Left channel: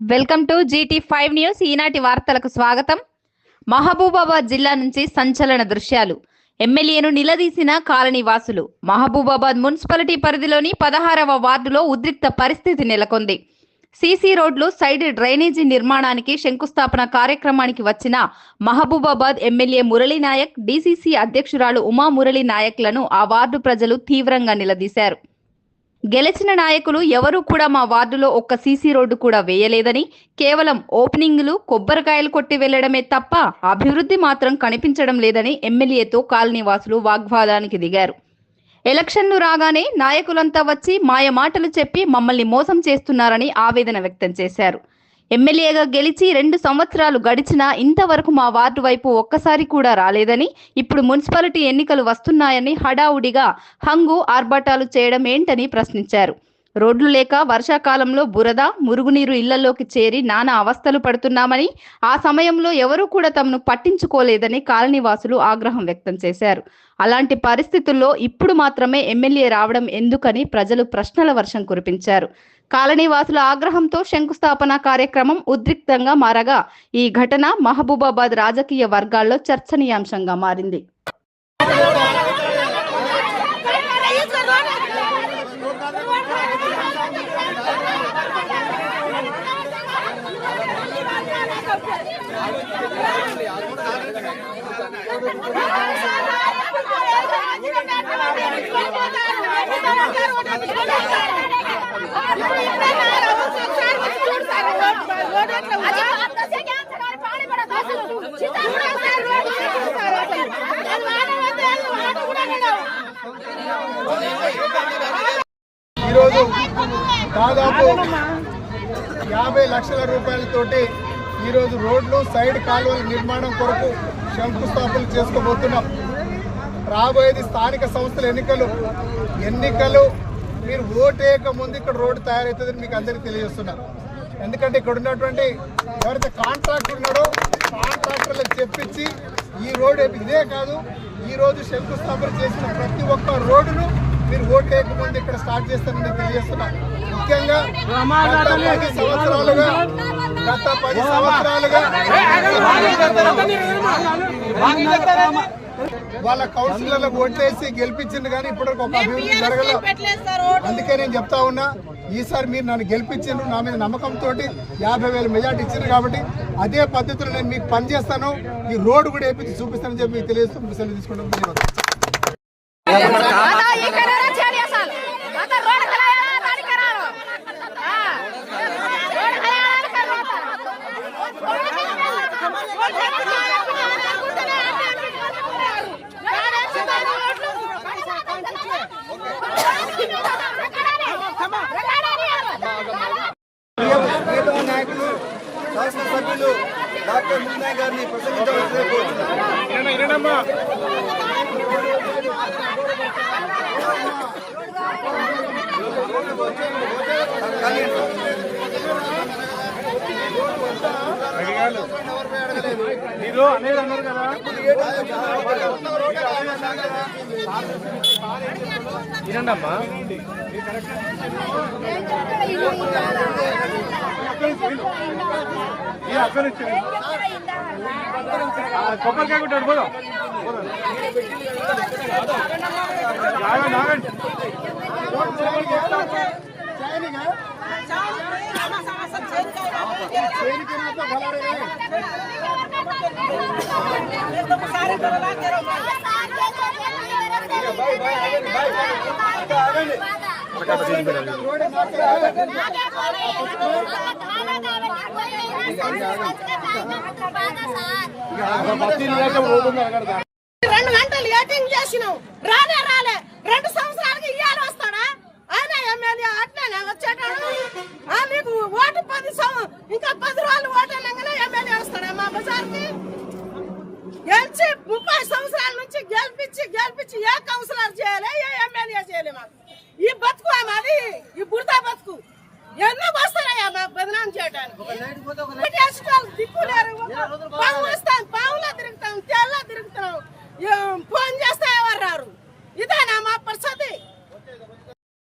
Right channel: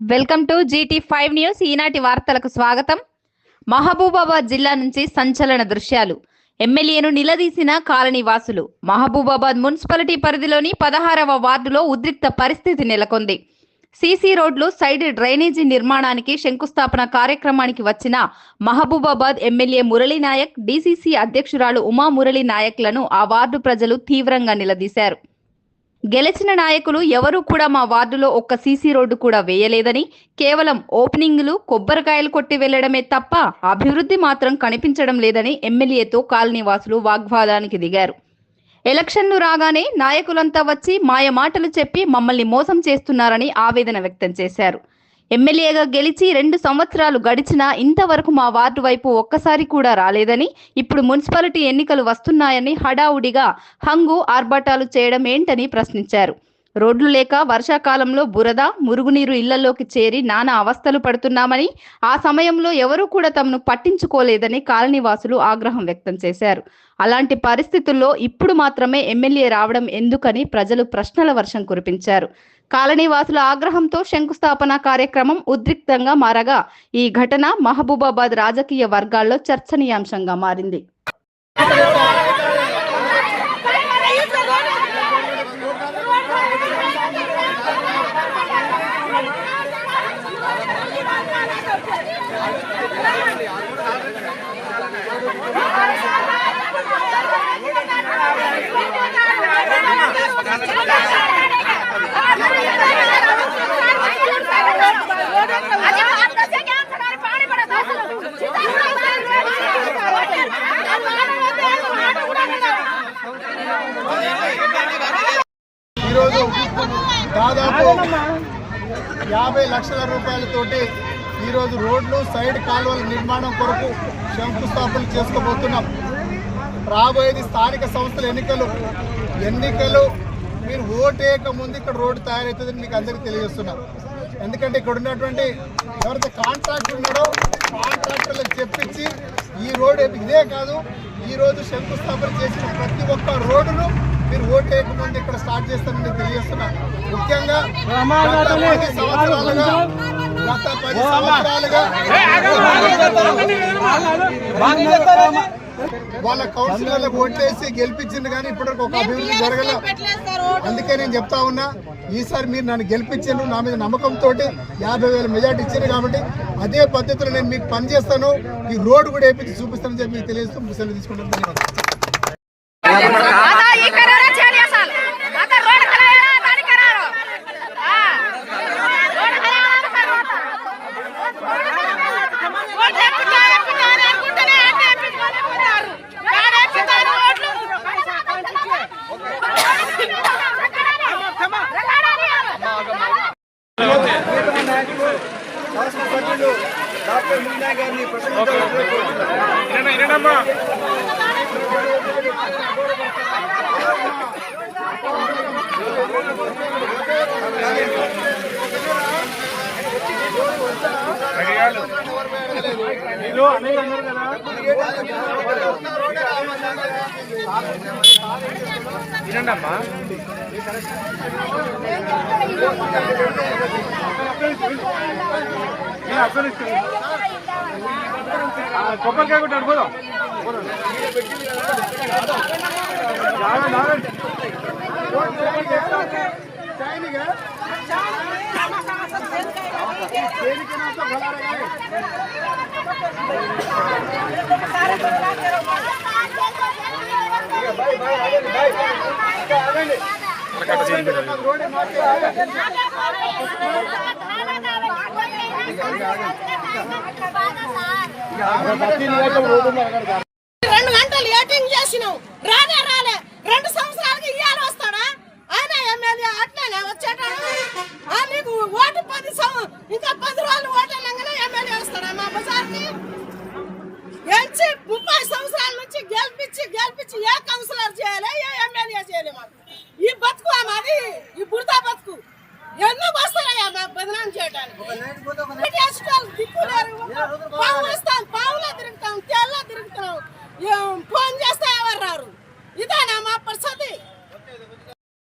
Welcome to GT5 news. ఈనాటి వార్తలకు స్వాగతం. మహబూబాబాద్ జిల్లా నుంచి సంచలన దృశ్యాలు. ఎమ్మెల్యేను నిలదీసిన కాలనీ వాసులు. మహబూబాబాద్ మున్సిపాలిటీ పరిధిలోని 16వ వార్డులో ఉద్రిక్త పరిస్థితి నెలకొంది. సీసీ రోడ్లు, సైడ్ డ్రైనేజీ నిర్మాణానికి శంకుస్థాపన కార్యక్రమానికి వచ్చిన మహబూబాబాద్ ఎమ్మెల్యే మురళీ నాయక్, డీసీసీ అధ్యక్షురాలు ఉమా మురళీ నాయక్లను ఆ వార్డు ప్రజలు తీవ్రంగా నిలదీశారు. గెలిచిన నాయకులు ఎవరూ కూడా మా వార్డులో ఒక్క సీసీ రోడ్డు కూడా వేయలేదని, కేవలం ఓపెనింగ్లు, కొబ్బరికాయలు కొట్టి వెళ్లడమే తప్ప అభివృద్ధి మాత్రం కనిపించడం లేదని ఎమ్మెల్యేతో కాలనీవాసులు వాగ్వాదానికి దిగారు. ఎలక్షన్లు రాగానే నాయకులంతా వచ్చి మాయ మాటలు చెప్పి మమ్మల్ని మోసం చేస్తున్నారని ఆవేదన వ్యక్తం చేశారు. ఎమ్మెల్యేగా గెలిచి 2 సంవత్సరాలు గడిచినా ఇంతవరకు మా వార్డు వైపు ఒక్కసారి కూడా రాలేదని, ఇప్పుడు మున్సిపాలిటీ ఎన్నికలు వస్తున్నాయని హడావుడిగా హంగు ఆర్భాటాలు చేయడం ఏంటని ప్రశ్నించారు. రోడ్లు లేక వర్షాకాలంలో బురద, మురుగునీరు ఇళ్లలోకి చేరి నానా అవస్థలు పడుతున్నామని, ఆ సమయంలో ఎవరూ కూడా తమను పట్టించుకోలేదని కాలనీవాసులు ఆగ్రహం వ్యక్తం చేశారు. అలాంటి పరిస్థితుల్లో ఇప్పుడు మాత్రమే ఎమ్మెల్యే రావడం ఎందుకని ప్రజలు ప్రశ్నల వర్షం కురిపించారు. కాలనీవాసుల ఆగ్రహంతో శంకుస్థాపన కార్యక్రమం ఉద్రిక్తంగా మారగా ఈ ఘటన మహబూబాబాద్ రాజకీయ వర్గాల్లో చర్చనీయాంశంగా మారింది. ఈరోజు దాదాపు 50 లక్షల రూపాయలతోటి ఈరోజు రోడ్లు, సైడ్ కాలువల నిర్మాణం కొరకు శంకుస్థాపనలు చేసుకోబోతున్నాం. రాబోయేది స్థానిక సంస్థల ఎన్నికలు మీరు ఓటేయక ముందు ఇక్కడ రోడ్డు తయారవుతుందని మీకు అందరికీ తెలియజేస్తున్నాం. ఎందుకంటే ఇక్కడ ఉన్నటువంటి ఎవరైతే కాంట్రాక్టర్ ఉన్నాడో కాంట్రాక్టర్లకు చెప్పించి ఈ రోడ్ ఇదే కాదు, ఈరోజు శంకుస్థాపన చేసిన ప్రతి ఒక్క రోడ్డును మీరు ఓటేయక ముందు ఇక్కడ స్టార్ట్ చేస్తారని తెలియజేస్తున్నా. ముఖ్యంగా గత 10 సంవత్సరాలుగా వాళ్ళ కౌన్సిలర్లకు ఓట్లేసి గెలిపించింది, కానీ ఇప్పటివరకు ఒక అభివృద్ధి జరగలేదు. అందుకే నేను చెప్తా ఉన్నా, ఈసారి మీరు నన్ను గెలిపించారు, నా మీద నమ్మకంతో 50,000 మెజార్టీ ఇచ్చారు కాబట్టి అదే పద్ధతిలో నేను మీకు పనిచేస్తాను, ఈ రోడ్డు కూడా వేయించి చూపిస్తానని చెప్పి మీకు తెలియజేస్తూ ముసలి తీసుకుంటాను. నాయకులు శాసనసభ్యులు డాక్టర్ మున్నా గారిని మీరు అనేది అన్నారు కదా, వినండమ్మా. కొబ్బరికాయ కొట్టాడు పోదాం. రెండు గంటలు ఏటింగ్ చేసినావు, రాలే 2 సంవత్సరాలకి ఇయ్యాలి వస్తాడా ఆయన ఎమ్మెల్యే? అట్లనే వచ్చేటాడు. నీకు ఓటు 10 రోజులు ఓటేనంగానే ఎమ్మెల్యే వస్తాడా మా బజార్కి? గెలిచి 30 సంవత్సరాల నుంచి గెలిపించి ఏ కౌన్సిలర్ చేయాలి, ఏ ఎమ్మెల్యే చేయాలి? మాకు ఈ బతుకు మాది.